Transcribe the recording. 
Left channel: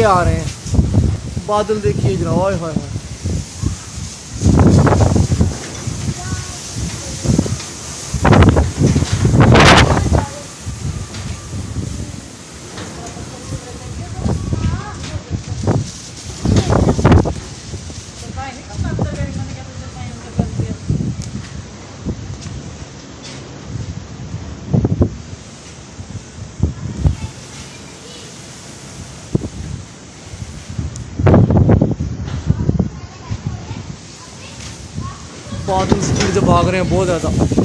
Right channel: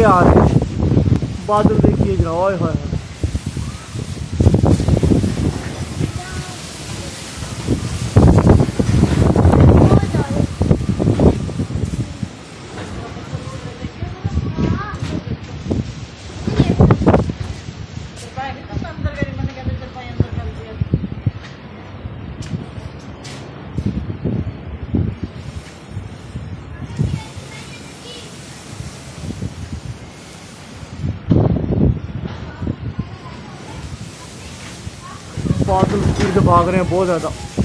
के आ रहे हैं। बादल देखिए जरा, ओए होए होए। बादल स्पीड से भाग रहे हैं बहुत ज़्यादा।